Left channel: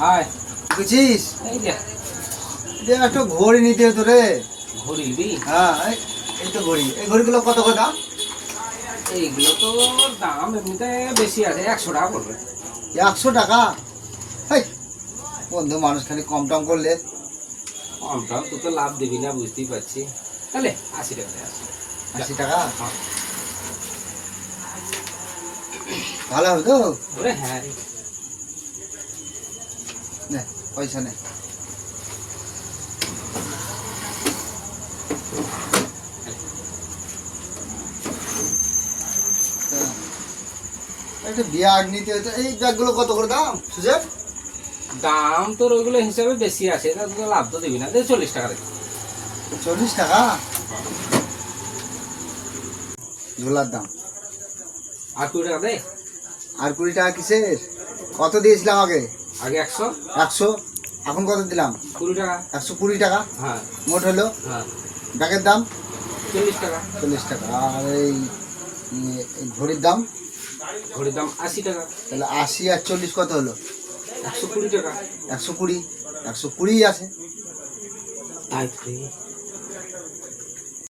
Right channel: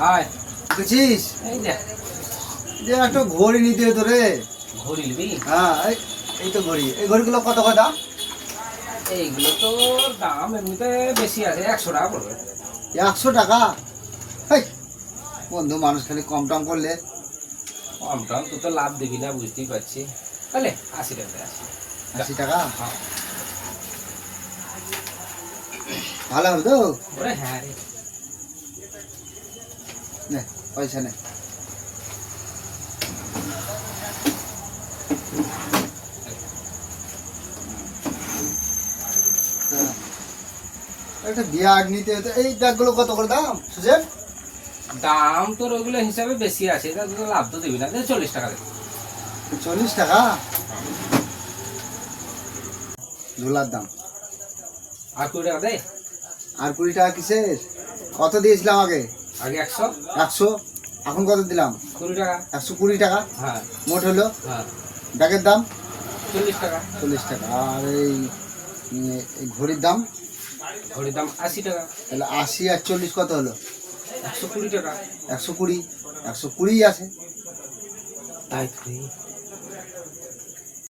High বুঝছিস এই যে যে একটা ঘড়ি নিতে হতো রে। ঘড়ি নিবি? হ্যাঁ এই তো ঘড়ি, এই ঘড়িগুলো কত করে দাম? এইগুলো তো দাম এমনিতে বেশি আছে, 100 টাকা পড়বে। 100 টাকা? হেই বন্ধু, মানুষ খালি কম টম করলে। কম টম তুই তো লাভ দিবি না, বুঝতেই পারছি। তাহলে 80 টাকা দে, 80 টাকা হ্যাঁ। ভালো হবে তো? ওরে হ্যাঁ রে। নে পয়সা নে। একটা বিয়ার নিতে হতো, এই ব্যাগগুলো কত করে দাম সুজেন? দাম তোর ওইগুলো হিসাবে বেশি আছে, তা তুই তো লাভ তো দিবি না, দে 40 টাকা দে। 40 টাকা ঝোলার দাম। আর 20 টাকা দে। আর 20 টাকা কিসের? কত দিয়েছিলাম আগে? আগে 100। 100, এখন কত দিলাম? 20 টাকা। 120 টাকা হ্যাঁ মোট হলো। হ্যাঁ। ব্যাগের দাম 40 টাকা। 40 টাকা। আর এই ঘড়ির দাম? ঘড়ির দাম 80 টাকা। তাহলে 80 আর 40 কত হলো? 120 টাকা। 120, 120 আছে। তাই তো রে।